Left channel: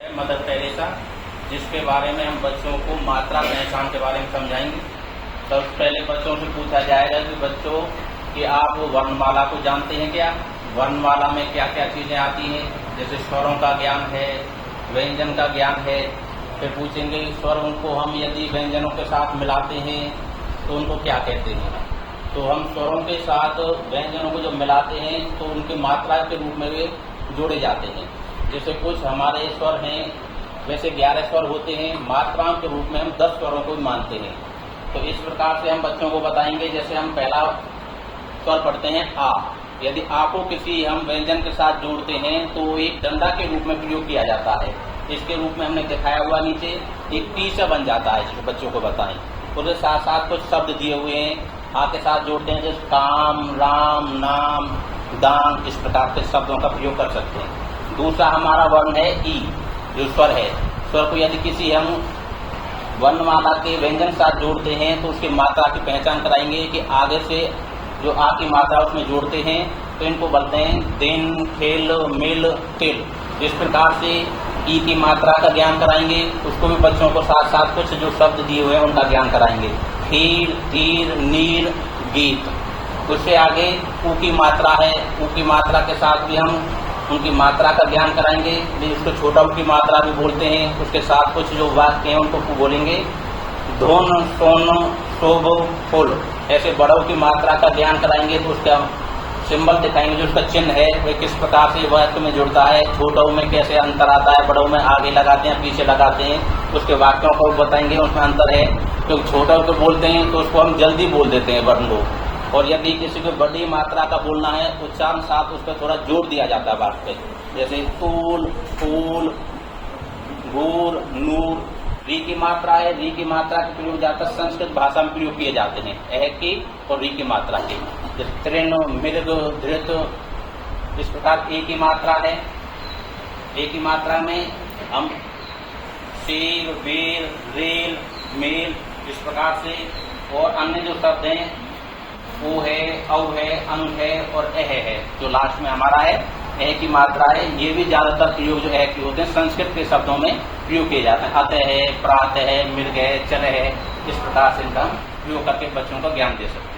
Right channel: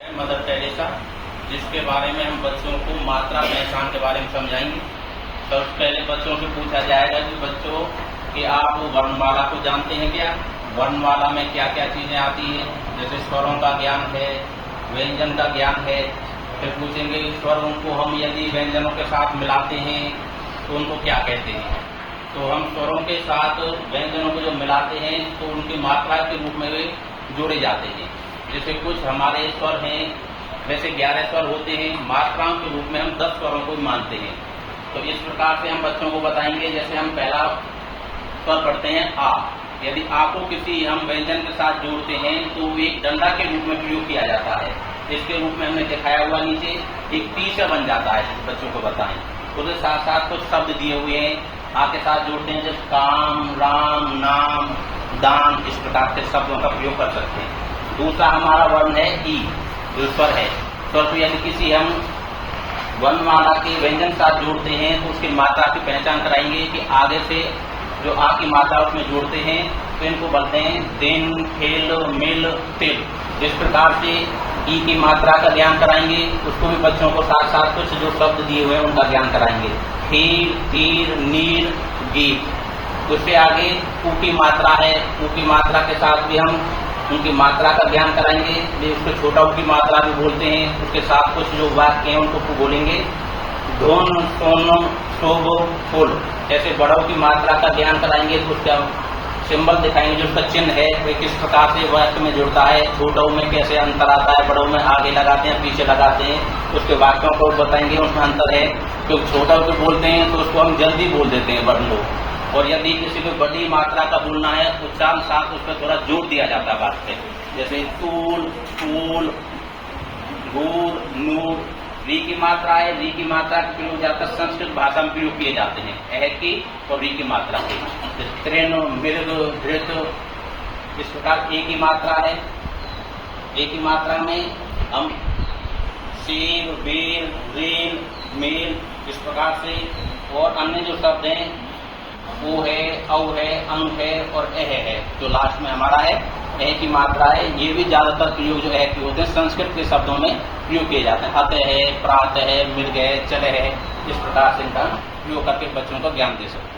Mother Teresa, जिसके बारे में हम बच्चों को मात्रा पहचान के बारे में समझाएंगे। तो पहले बच्चों से पूछा जाएगा कि बच्चों कि आप वर्णमाला को जानते हैं क्या? वर्णमाला में क्या क्या चीजें आती हैं? जैसे स्वरों का ज्ञान है, व्यंजन का ज्ञान है। फिर पूछेंगे स्वरों को हम यदि व्यंजनों के साथ मिलाते हैं तो उनको क्या कहते हैं। तो हम स्वरों के साथ व्यंजनों को जब मिलाते हैं तो उनकी मात्रा के रूप में वे जोड़े जाते हैं। जैसे कुछ हमारे स्वर हैं, वैसे 11 स्वर होते हैं, मात्राओं के रूप में हम 10 स्वरों को मानते हैं। तो इस प्रकार से हम बच्चों को बताएंगे। जैसे हम पहला स्वर पढ़ते हैं आ। यदि आ को किसी हम व्यंजन के साथ जोड़ते हैं तो एक डंडा के रूप में प्रयोग किया जाता है। इसके रूप में हमने दिखाया हुआ नीचे एक तीसरा बन जाता है, जिसको बच्चों को बताएं। उसके साथ साथ कुछ शब्द दिए हुए हैं, आ के साथ जोड़ते हैं, जैसे काम, राम, नाम, दान, इस प्रकार के शब्दों का प्रयोग कर सकते हैं। दूसरा हमारा वर्ण है ई, जो स्वर है। स्वर को यदि किसी हम वर्णमाला के व्यंजन साथ जोड़ते हैं तो उसकी मात्रा की पहचान कराएंगे कि आगे से जो आ की मात्रा उसमें जोड़ते हैं तो इनको बोलते हैं दिन, खेल, मिल, तिल। इस प्रकार से ई की मात्रा का ज्ञान कराएंगे। उसको भी बच्चों को साथ साथ कुछ जो शब्द दिए हुए हैं उनका ज्ञान कराएंगे। खीर, तीर, नीर, गीत। उससे आगे ऊ की मात्रा है, ऊ की मात्रा के साथ भी हम उनकी मात्रा का ज्ञान कराएंगे। उसको छोटा ऊ की मात्रा भी बोलते हैं। उसके साथ कुछ जो वाक्य हैं उनको बोलेंगे, धोन, सोनो, शोभो, फूल। ऐसे बड़ों की मात्रा का ज्ञान कराएंगे तो उसका सिंबल दिखाएंगे, जो उसका चिन्ह है वे किस प्रकार से वाक्य में जुड़ता है। छोटा ऊ में कैसे अंतर आता है, बड़ों में आगे लगाते हैं, पीछे लगाते हैं, उसके वाक्यों को बताएंगे, उसमें अंतर है। क्योंकि छोटा ऊ को बोलते हैं तो उसको हम जल्दी बोल देते हैं वर्ण लोग, और यदि किसी को बड़ी मात्रा का बोलना है तो उच्चारण साथ उस पर थोड़ा जोड़ दिया जाता है वाक्य। जैसे तूल, फूल, गूर, नूर। री की मात्रा है, री की मात्रा का प्रयोग ज्यादातर संस्कृत भाषा में प्रयोग किए जाते हैं, ए की और री की मात्रा की। तृण, मृग, धृत, इस प्रकार ए की मात्रा है। ए की मात्रा में हम शेर, बेर, रेल, मेल, इस प्रकार से। और अन्य जो शब्द हैं ओ है, औ है, अं है और एह है, जो लास्ट में हमारा है एह की मात्रा है। ये भी ज्यादातर प्रयोग जो एह की होते हैं संस्कृत के शब्दों में प्रयोग किए जाते हैं। अतः है, प्रातः है, मृग है, चल है, इस प्रकार से इनका प्रयोग करके बच्चों को ज्ञान दे सकते हैं।